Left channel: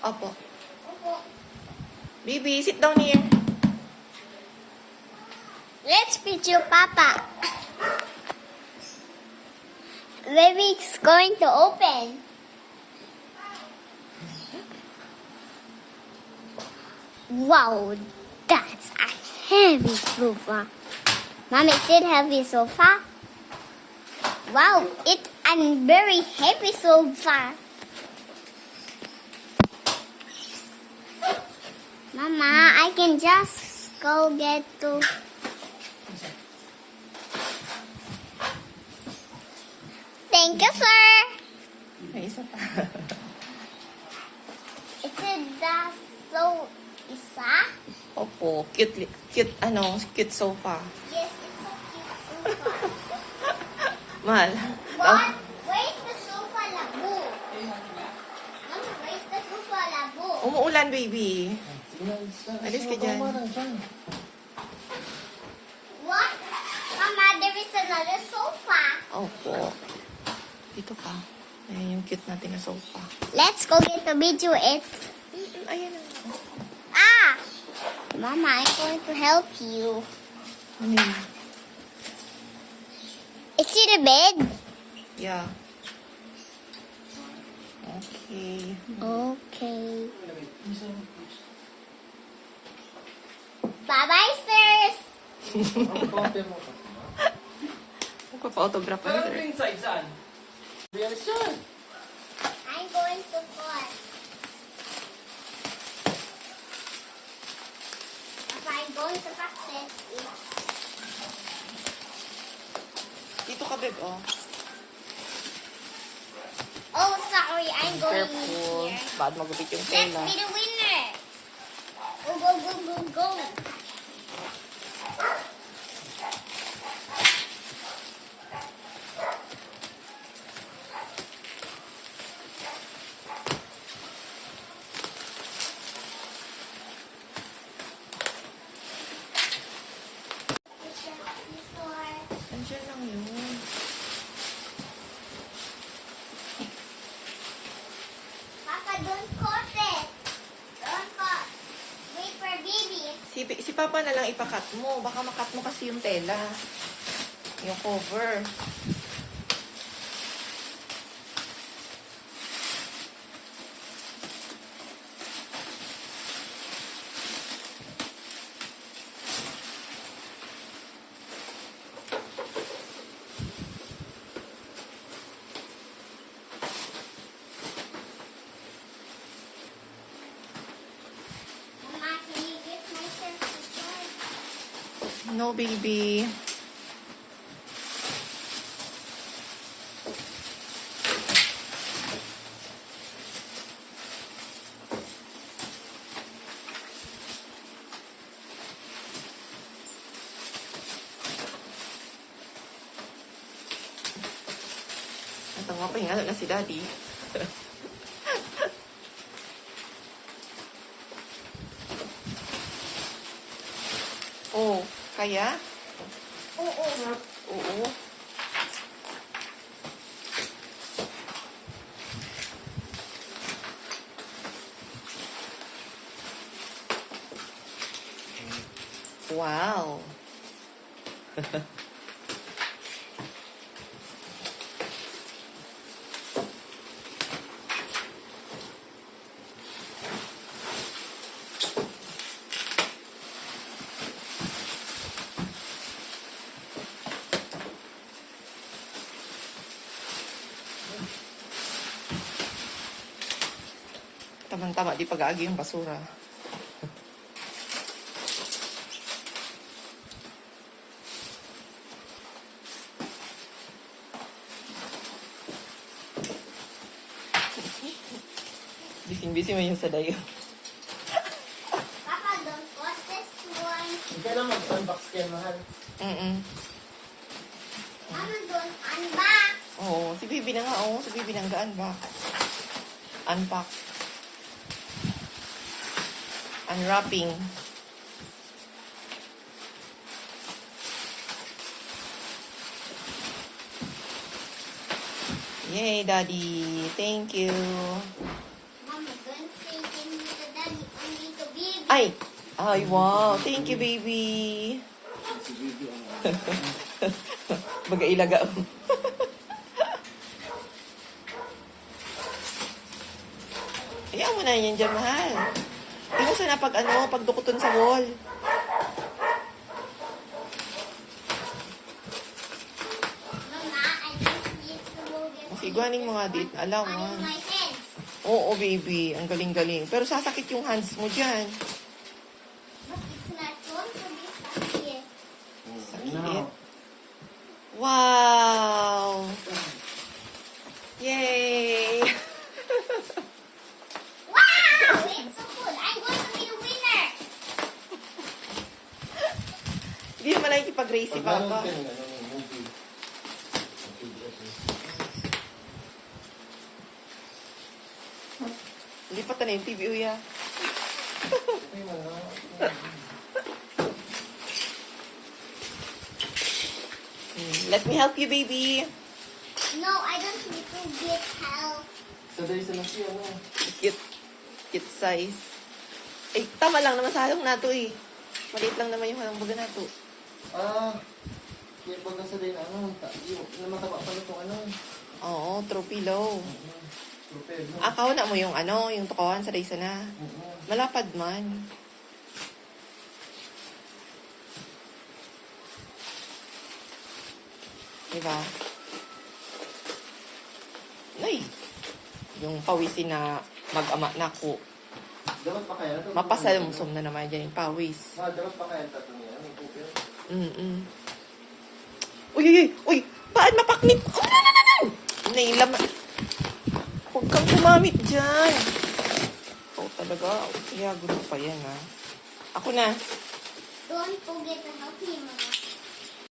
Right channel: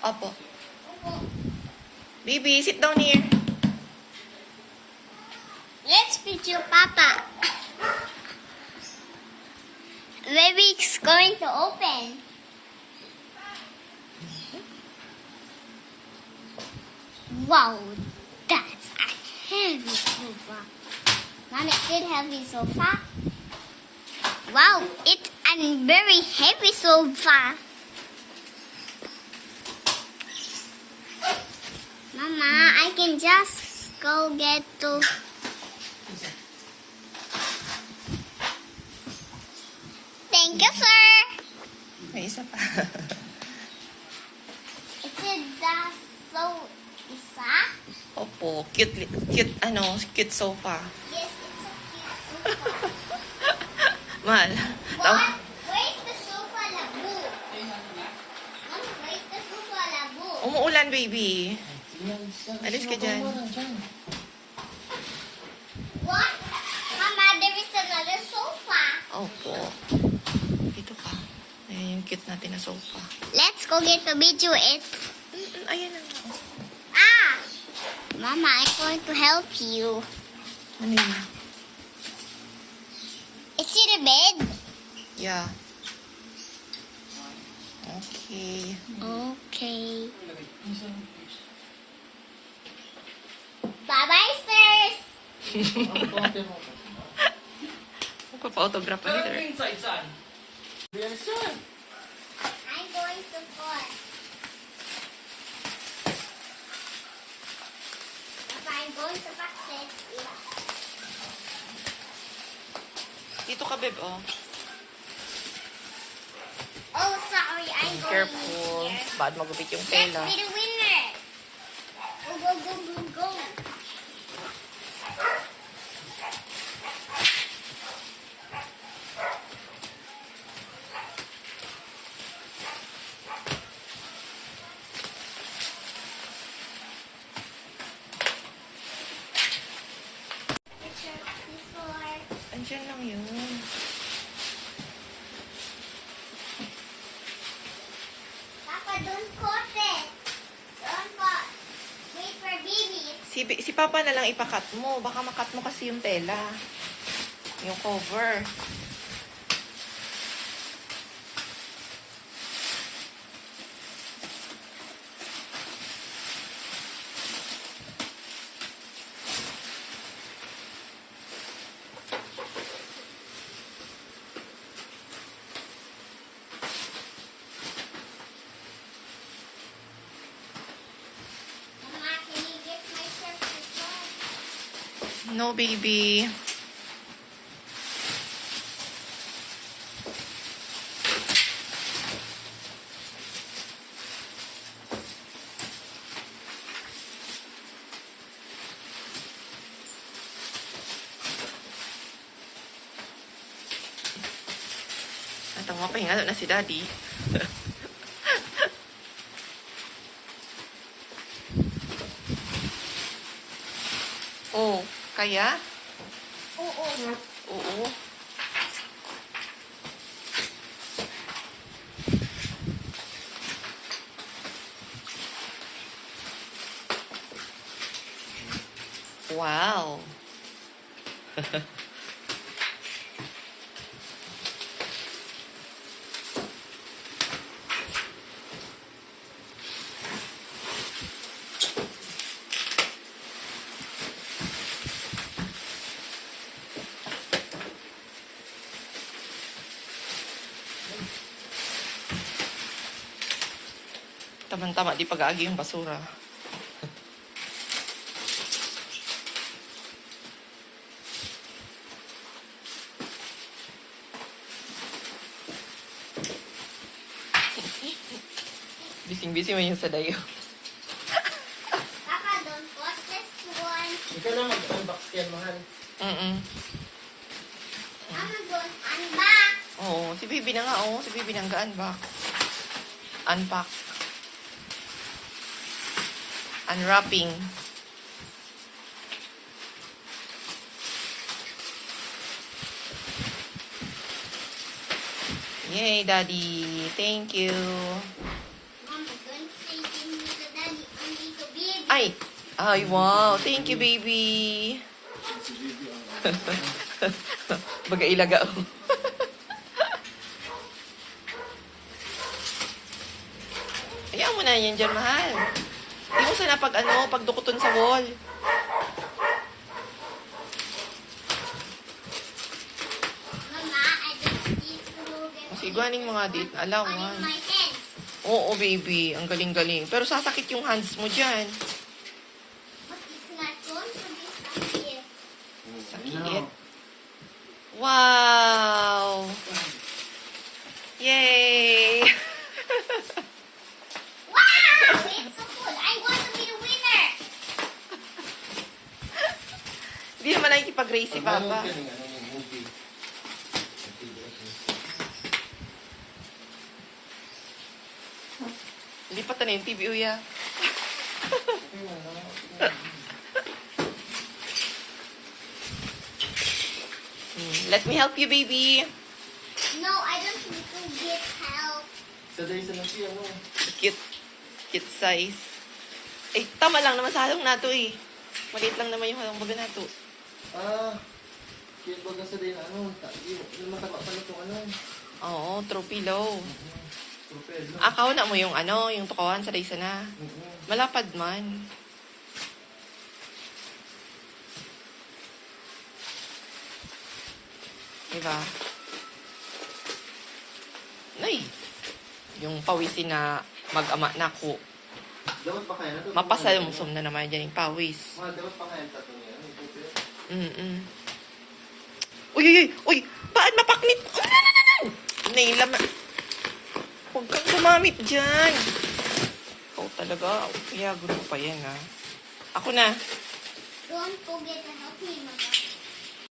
Opo. Baby, sit down here. Let's picture Papa. Baby's going to open. Wow, that's a heavy sofa. Mom, is it heavy sofa? Wow, it's a very heavy sofa. Mama, I can just go get to... Thank you, sir. May isa pa. Is it the isa? Opo, cute, cute sofa. Yes, it's a cute sofa. Mahal. What? Where's the sofa labu? Mom, where's the sofa labu? Umuulan, baby. Alis ka dyan. What? Mama, there is another sofa. Opo. Dito pa. Ayan yung cute natin na sofa. Let's go get the video it. Ayan na nga. Ah! Mama, I'm going to help you. Ano yun? Is it a bed? Yeah. Okay. Okay. Bye-bye, sirs. Magpapa-autograph pa ni sir. I'm going to put. I'm going to practice. Dito ka, babe, oh. Oh, sorry. I'm going Careful. here. Bad magupit yung tela. Let's be the winner. Go, go, go, go, go. Andiyan lang yun. Papa, don't cut it. Don't cut. Wait for baby. Si Papa na lang ipakat mo. Baka makat mo kasi yung tela. Yung cover. Mama, can you get my shirt to short? No, baby. Natawa pa yung na si Daddy. Oh, kaya? Oo. Oo. Wow. Tamang-tama, di pag-aagi yung basura. Bising-bising mo yung sa dayo. Papa, don't cut this one. Hindi ka lang mag-unbox yan, mahal. Mama, don't unbox. Oo, si Bibi na nga, oh. Si Bibi na nga unbox. Unpack. Unwrapping. Yay, Daddy. Thank you. Mom, Ay, wow. Thank you, baby. Baga ilaga. Hayaan mo na yan dyan, mahal. Hindi mo sana pagdukuton sa wall. Mama, I just need to move it. Masiguaning mga date na alaw, On ha? my hands. Oo, baby. Ang galing-galing. Pero sasakit yung hands mo dyan. But it's not going to be sakit. Sakit. Wow! Yay! Wow! It's so cool. I want to be the winner. Hindi naman nakikipag-race si Papa. Lipat na yung TV, uya. Let me help you, baby. No, I don't need to get help. Sa day sa nasi, ano? Cute. Cute size. Eh, tama lang naman sa halong nato eh. Maliit lang naman yung halong baga nato. Kaya baga sa day na ano, yung mataba sa lutong ano. Oo, throw pillow. Trupel, no? Akaw na mo yung yung tukawan sa daysa na. Malapad man. Diba? Nay, yung pawisin na mag-ama na ko. Dapat pa kaya na ito? Mapasalumsum na naman dyan yung pawis. Dapat pa kaya tato niya. Ano, trupel? Uy, uy, uy! Uy! Paan mapaknit? Oh, no! Nailaman. Huwag kang gumamit dyan. Ikaw talaga. Kaya gusto pa yan, ha? Ako na. Don't forget to help me, Mama.